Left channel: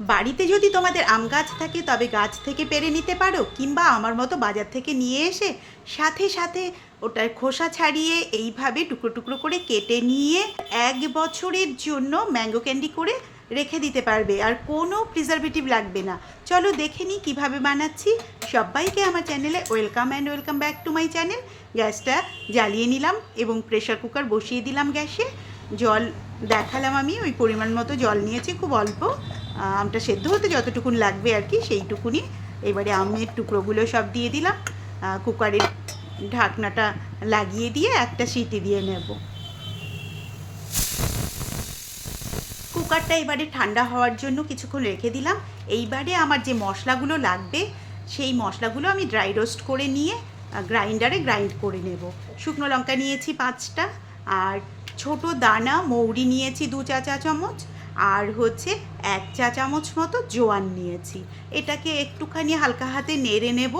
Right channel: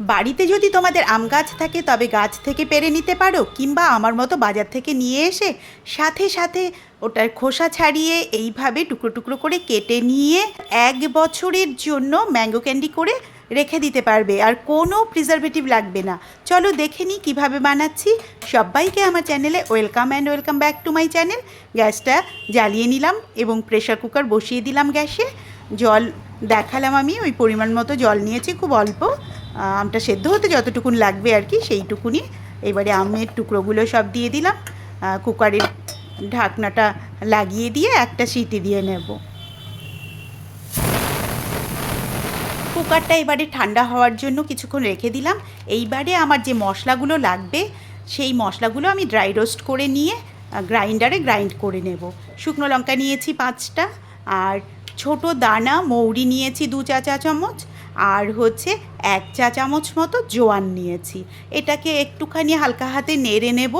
বাড়িতে যদি তোমাদের আম গাছ থাকে, তবে গাছ থেকে পেরে নিতে পারো, কিংবা আমার মতো বাজার থেকে নিয়ে এসে সাথে সাথে ওটার খোসা ছাড়িয়ে এইভাবে টুকরো টুকরো করে কেটে নিয়ে এক বছরের জন্য ম্যাঙ্গো ক্যান্ডি করে রেখে দিতে পারবে। আর কোনো প্রিজারভেটিভ লাগবে না। চলো দেখে নিই কীভাবে বানাচ্ছি। সবাইকে আমার চ্যানেলে welcome and welcome back to my channel. গ্যাসটা জ্বালিয়ে নিলাম এবং প্রেশার কুকার বসিয়ে দিলাম গ্যাসে। জল দেখালাম আমি, ওই পরিমাণ মতো জল নিয়েছি, খুব অল্প। আমটা সেদ্ধ হতে যতটুকুন লাগবে আর কি, সেইটুকুনি। এবারে আমের টুকরোগুলো সব দিয়ে দিলাম। কুকারের ঢাকনাটা লাগিয়ে দিয়ে একটা সিটি দিয়ে নেব। কুকারটা এবারে ঠান্ডা হওয়ার জন্য কিছুক্ষণ রেখে দিলাম। এইবারে আমার যে মশলাগুলো লাগবে, সেই মশলাগুলো আমি ড্রাই রোস্ট করে নিয়ে গ্রাইন্ডারে গ্রাইন্ড করে নেব। শুকনো লঙ্কা নিয়েছি পাঁচটা, আর ছোট দানা, মৌরি নিয়েছি দু চা চা চামচ, আর হচ্ছে এক চা চামচ মতো জোয়ান নিয়েছি। এটাকে একটুখানি হালকা হাতে নেড়ে নেব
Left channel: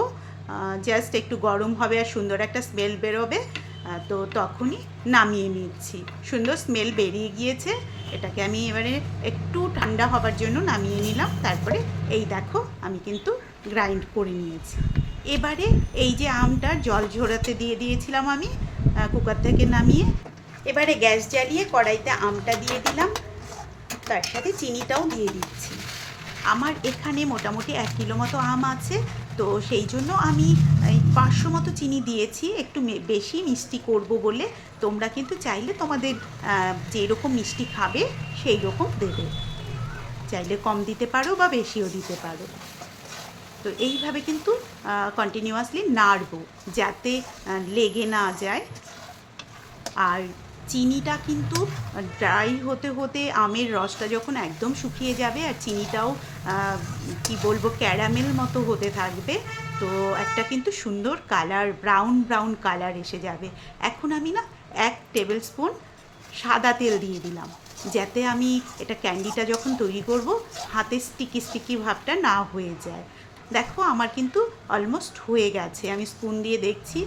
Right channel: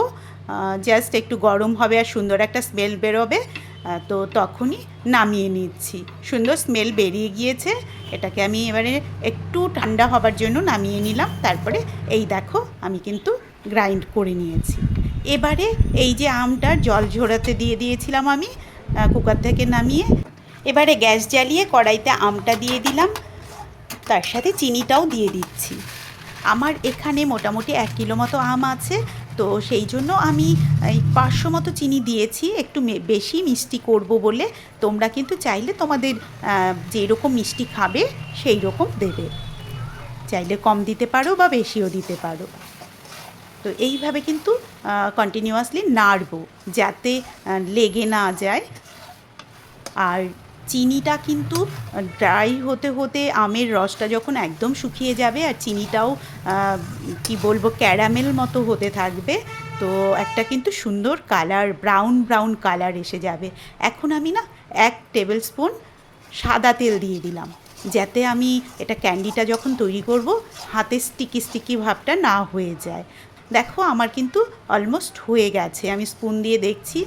জাস্ট একটু গরম হবে আর সুন্দর একটা স্মেল বেরোবে তো তখনই নামিয়ে নিচ্ছি। সুন্দর স্মেল বেরিয়ে গিয়েছে, এটাকে আমি এবারে একটু ঠান্ডা হবার জন্য নামিয়ে নিলাম, তারপরে এই দেখো আমি কিন্তু গ্রাইন্ড করে নিয়েছি। এবারে এই যে আমটা জল ঝরাতে দিয়ে দিয়েছিলাম আমি কুকার থেকে নামিয়ে এবারে গ্যাস জ্বালিয়ে কড়াইতে আমটা দিয়ে দিলাম। তার সাথে চিনিটাও দিয়ে দিচ্ছি। আমার এখানে মোটামুটি এক কিলো মতো আম আছে তো সেই জন্য আমি এই পাঁচশো মতো চিনি দিয়েছি। একটু বেশি মিষ্টি করব বলে তোমরা কিন্তু চাইলে তোমাদের আহ, যেই রকম মিষ্টি খাবে সেই রকম দেবে। চাইলে কম দিতে পারো বা বেশিও দিতে পারো। তো এইভাবে কিন্তু কন্টিনিউয়াসলি নাড়বো যাতে লেগে না যায়। আর চিনিটা কিন্তু ড্রাই হতে হতে আমের রসটা যখন একদম শুকিয়ে যাবে আর চিনিটাও কি বলব ক্যারামেল মতো হতে থাকবে, তো একটা কিন্তু সুন্দর কালার ব্রাউন ব্রাউন কালার এসে যাবে। এখন আমি না এক টেবিল স্পুন সাদা তেল দিয়ে দিলাম, যাতে আমি এটা ক্যান্ডিটা যখন তৈরি করব, হাতে স্টিকি স্টিকি ভাবটা না হয়ে যায়। দেখো, আমার কিন্তু অলমোস্ট হয়ে গেছে, আমি স্পুন দিয়ে দেখছি।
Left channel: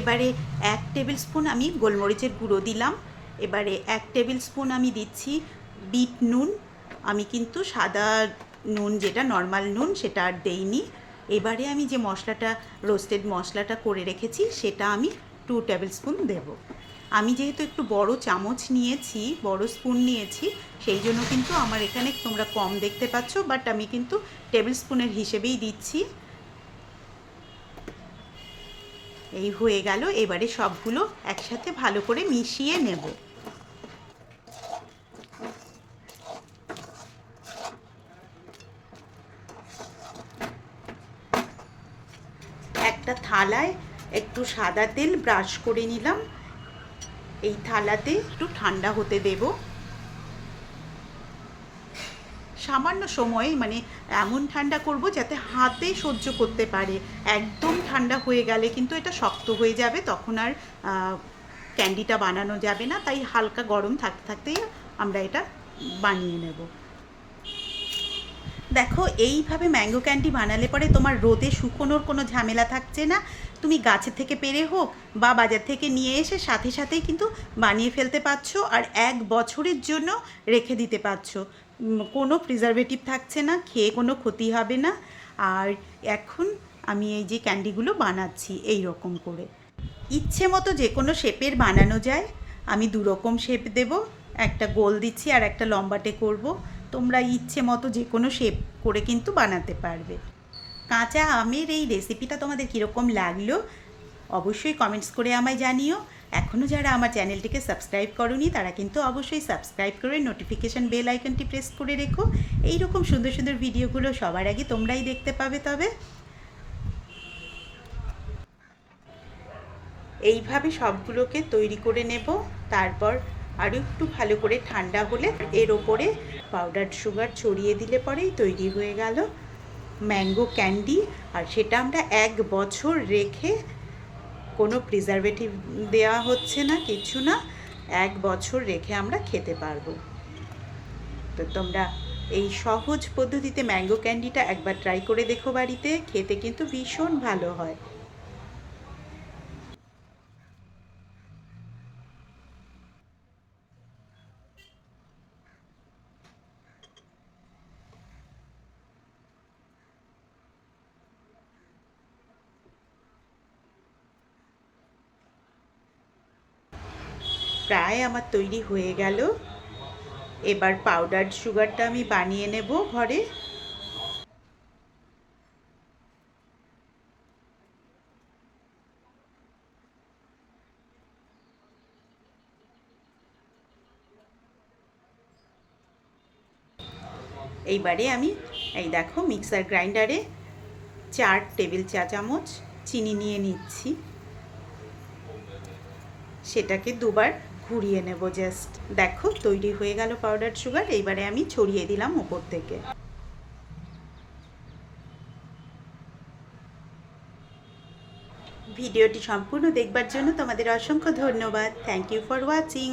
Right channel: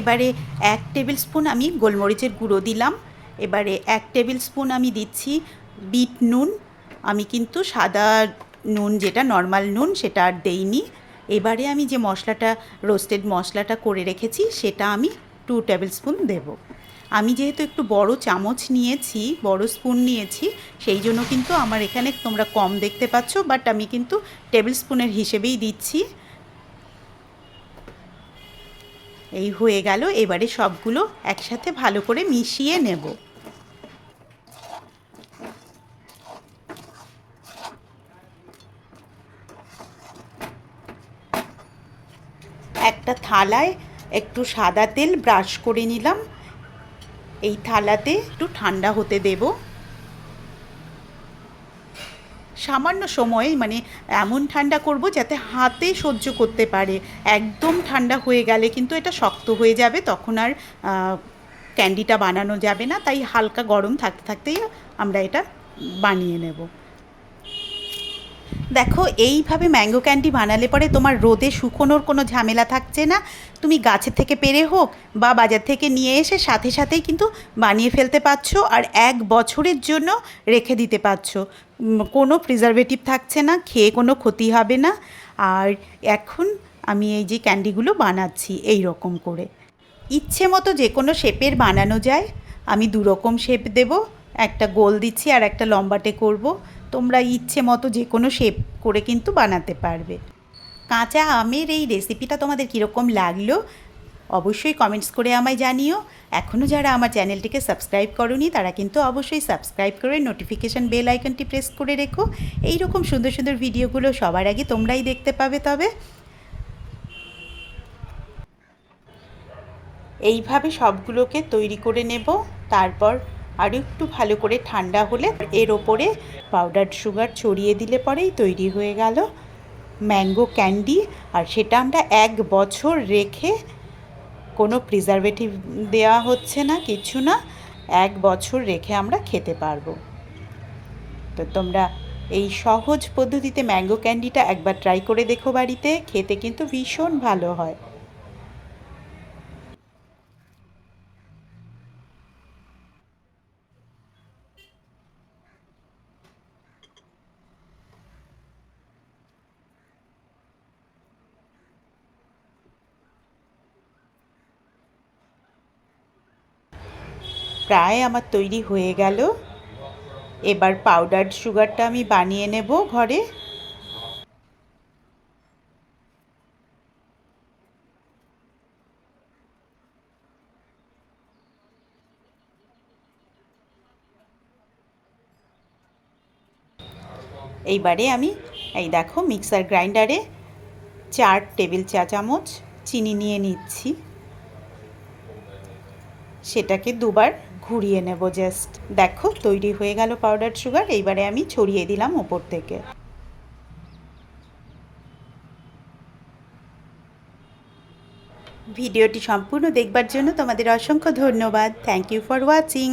এবারে এক টেবিল স্পুন আমি গোলমরিচের গুঁড়ো দিলাম। এবারে এক টেবিল স্পুন আমি দিচ্ছি বিট নুন। আমি কিন্তু সাদা নুন যেটা নর্মাল নুন সেটা আর দেইনি। এবারে আমি যে মশলাটা রোস্টেড মশলাটা করে রেখেছি সেটা আমি টু টেবিল স্পুন দেবো। আমি যেহেতু একটু বড় চামচ নিয়েছি, বড় স্পুন নিয়েছি, সেই জন্য কিন্তু আমার এখানে তোমরা কম দেখতে পাচ্ছ বাট আমি কিন্তু টেবিল স্পুনের হিসেবেই দিচ্ছি। এই হয়ে গেল, এবারে সবগুলো একসাথে ভালো করে মিশিয়ে নেব। একটা থালায় একটু সাদা তেল ব্রাশ করে নিলাম। এই থালাতে একটু ঠান্ডা হতে দেব। সামান্য সময়ে মানে এমন ঠান্ডা করব যাতে হাতে সহ্য করতে পারে। একদম ঠান্ডা হয়ে গেলে কিন্তু এটা শক্ত হয়ে যাবে, তখন আর ক্যান্ডিটা বানানো যাবে না। তাই হালকা গরম থাকতে থাকতেই আমরা এটা বানিয়ে নেব। দেখো, এইভাবে ম্যাঙ্গো ক্যান্ডি বানালে পরে তোমার রোদে শুকোনোর কোনো ঝামেলা থাকছে না। তুমি গাছের থেকে পেরে হোক বা বাজার থেকে নিয়ে এসে সাথে সাথেই কিন্তু বানিয়ে ফেলতে পারছ আর এক বছরের জন্য রেখে দিতে পারছ। কোনো প্রিজারভেটিভ থাকছে না, খেয়ে কোনো ক্ষতি হবে না। আর এখন আমি এই যে ক্যান্ডিগুলো বানাচ্ছি এই রকম করে। ইচ্ছে মতো যে কোনো শেপের বানানো যায়। আমি দু রকম শেপ দেব, একটা গোল দিচ্ছি আর একটা লম্বাটে করব। তোমরা ইচ্ছে মতো যে কোনো শেপ করে কিন্তু বানাতে পারবে। কাঁচা আমের এই রেসিপিটা তোমাদের কীরকম লাগল, অবশ্যই কমেন্টস করে আমায় জানিও। এখনও যারা আমার চ্যানেলটিকে সাবস্ক্রাইব করনি, তারা কিন্তু অবশ্যই সাবস্ক্রাইব করে নোটিফিকেশান বেল আইকনটি প্রেস করে রেখো। এই রকম সুন্দর সুন্দর ভিডিওগুলো সবার আগে তোমরাই দেখতে পাবে তবে। এইভাবে সবগুলোকে তৈরি করে নেব, তারপর আরও একটু ভালো করে ঠান্ডা হলে এর ওপরে পাউডার সুগার ছড়িয়ে দিলে পরেই তৈরি হয়ে গেল ম্যাঙ্গো ক্যান্ডি আর সেটা আমরা এক বছর রেখে কোনো প্রিজারভেটিভ দেওয়া হচ্ছে না, কিছু না, এক বছর রেখে আমরা খেতে পারব। তো তোমরা এই সহজ পদ্ধতিতে ম্যাঙ্গো ক্যান্ডিটা একবার ট্রাই করে দেখো বাড়িতে, খেতে কিন্তু ভীষণ ভালো হয়। প্রায় আমার তৈরি হয়ে গেল। এবার পাউডার সুগারটা আমি বানিয়ে নেব ঘরে। এইবারে আমি, এই দেখো মিক্সার গ্রাইন্ডারে চার টেবিল চা চামচ চিনি নিয়ে নিচ্ছি। সেটাকে দুবার ঘুরিয়ে নেব জাস্ট দেখো, তৈরি হয়ে গেল পাউডার সুগার এইবারে আমি ছড়িয়ে দিলাম ওপর থেকে। ভিডিওটি সম্পূর্ণ দেখবার জন্য তোমাদের অসংখ্য ধন্যবাদ। Thank you for watching